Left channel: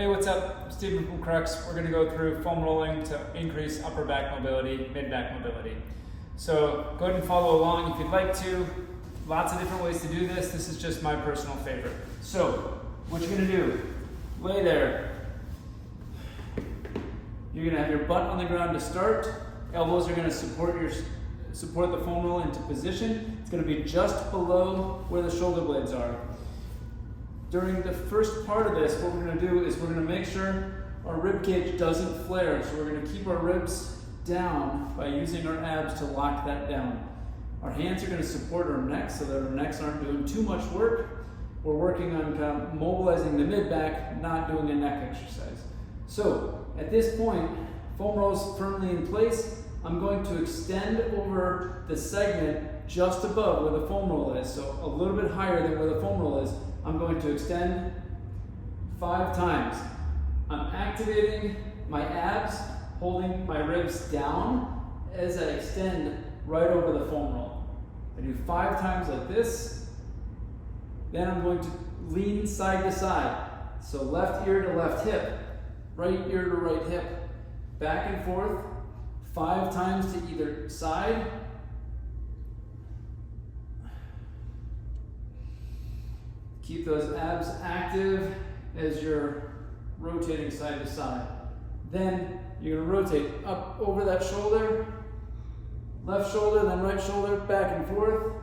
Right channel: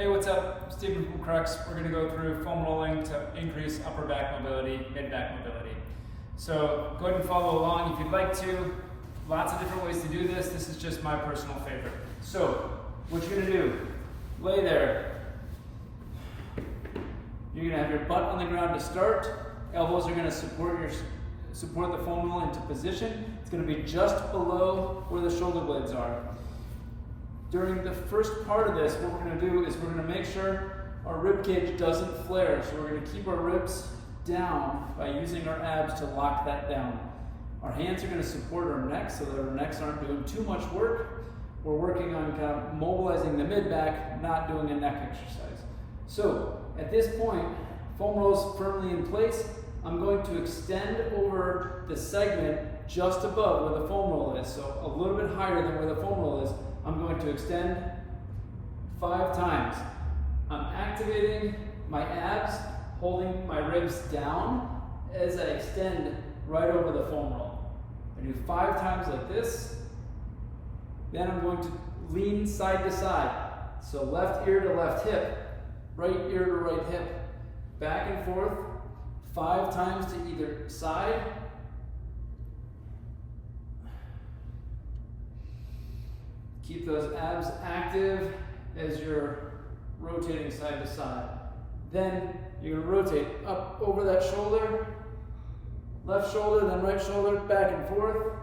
Hey, what's up? Stephen from Crux. We're going to go through foam rolling to increase upper back mobility, mid-back mobility. So go ahead and follow along if you'd like to. Lots of different ways to do this. This is just my personal favorite. So what you're going to do, lay there. You're going to have your butt on the ground to start. Elbows are going to support the foam roll into position. It's going to be just below where the shoulder blades are. During the first part of this, what we're going to do is we're going to make sure our rib cage doesn't flare. So we're going to keep our ribs down by using our abs to lock that down. Our hands are going to support our necks so that our necks aren't doing too much work. We're working on kind of mobilizing the mid-back, not doing a neck exercise. So at this point, foam rolls firmly in place. I'm going to extend over the segment just above where the foam roll is, so a little bit higher than where the foam roll is. I'm going to extend 5 times. I'm activating my abs, holding my ribs down as I extend right over the foam roll. I do 5 times like this. Then I'm going to lean side to side. So left ear to left hip, right ear to right hip. Back and forth, 5 times to either side. Keep those abs active as you're rotating side to side. Then you're going to rotate up over that shoulder, left shoulder, then right shoulder, back and forth.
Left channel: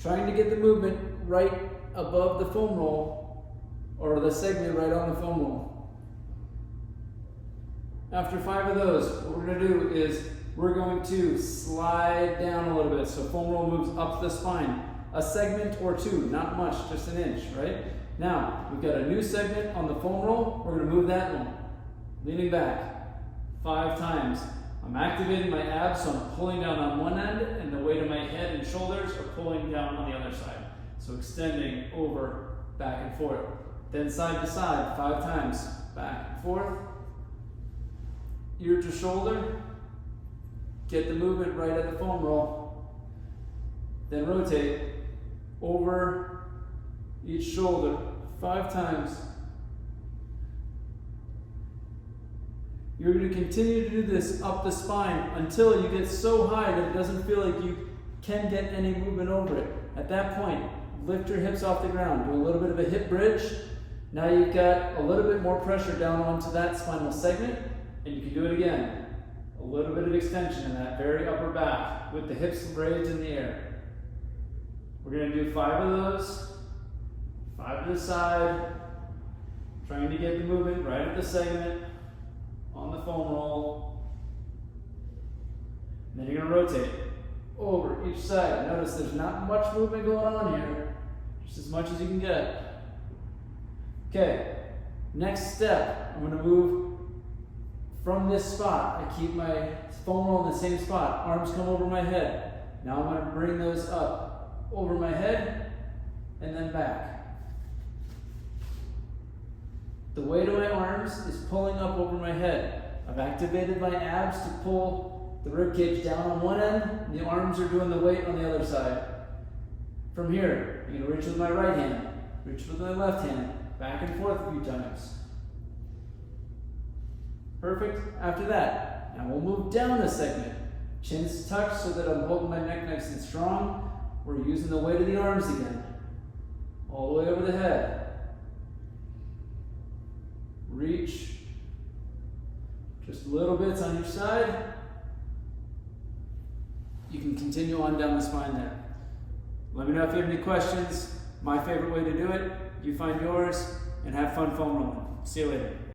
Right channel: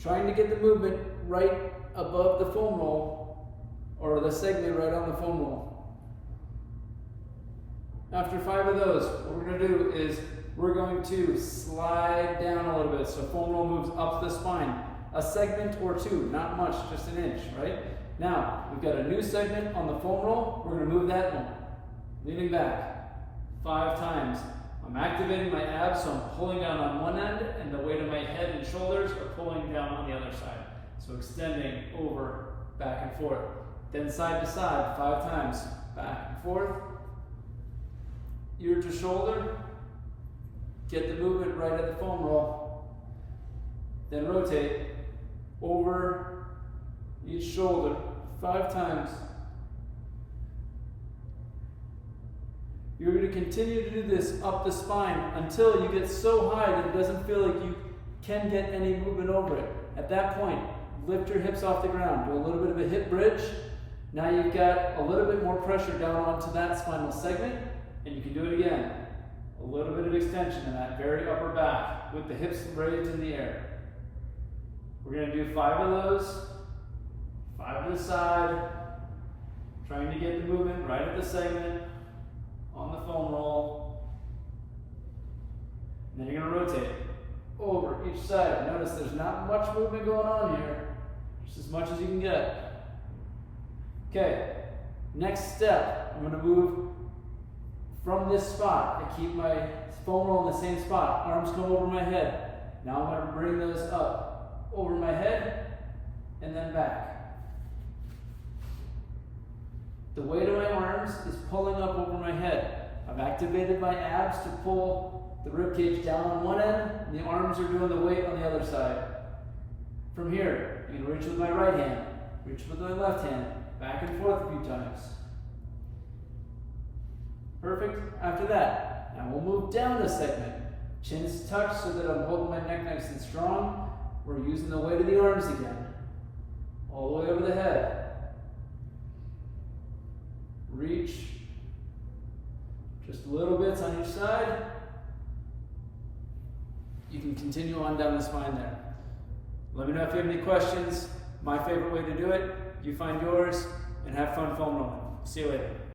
Trying to get the movement right above the foam roll, or the segment right on the foam roll. After 5 of those, what we're going to do is we're going to slide down a little bit. So foam roll moves up the spine. A segment or 2, not much, just an inch, right? Now, we've got a new segment on the foam roll. We're going to move that one. Leaning back 5 times. I'm activating my abs, so I'm pulling down on one end, and the weight of my head and shoulders are pulling down on the other side. So extending over, back and forth. Then side to side, 5 times. Back and forth. Ear to shoulder. Get the movement right at the foam roll. Then rotate over each shoulder 5 times. You're going to continue to do this up the spine until you get so high that it doesn't feel like you can get any movement over it. At that point, lift your hips off the ground. Do a little bit of a hip bridge. Now you've got a little bit more pressure down onto that spinal segment, and you can do it again. A little bit of extension in that very upper back with the hips raised in the air. We're going to do 5 of those, 5 to the side, trying to get the movement right at the segment on the foam roll. And then you're going to rotate over each side. Notice there's not much movement going on here, just as much as you can get. Okay, next step, I'm going to move from this spot. I keep my foam roll in the same spot. Arms come over my head. Now I'm going to bring those up over my head and then back. The weight of my arms is pulling up over my head. I've activated my abs to pull the rib cage down on one end, and the arms are doing the weight on the other side. From here, I'm going to reach with my right hand, reach with my left hand, back and forth a few times. Perfect. After that, now we'll move down a segment. Chin's tucked so that I'm holding my neck nice and strong. We're using the weight of the arms again. All the way over the head. Reach. Just little bits on each side. You can continue on down the spine there. Let me know if you have any questions. My favorite way to do it. You find yours and have fun foam rolling. See you later.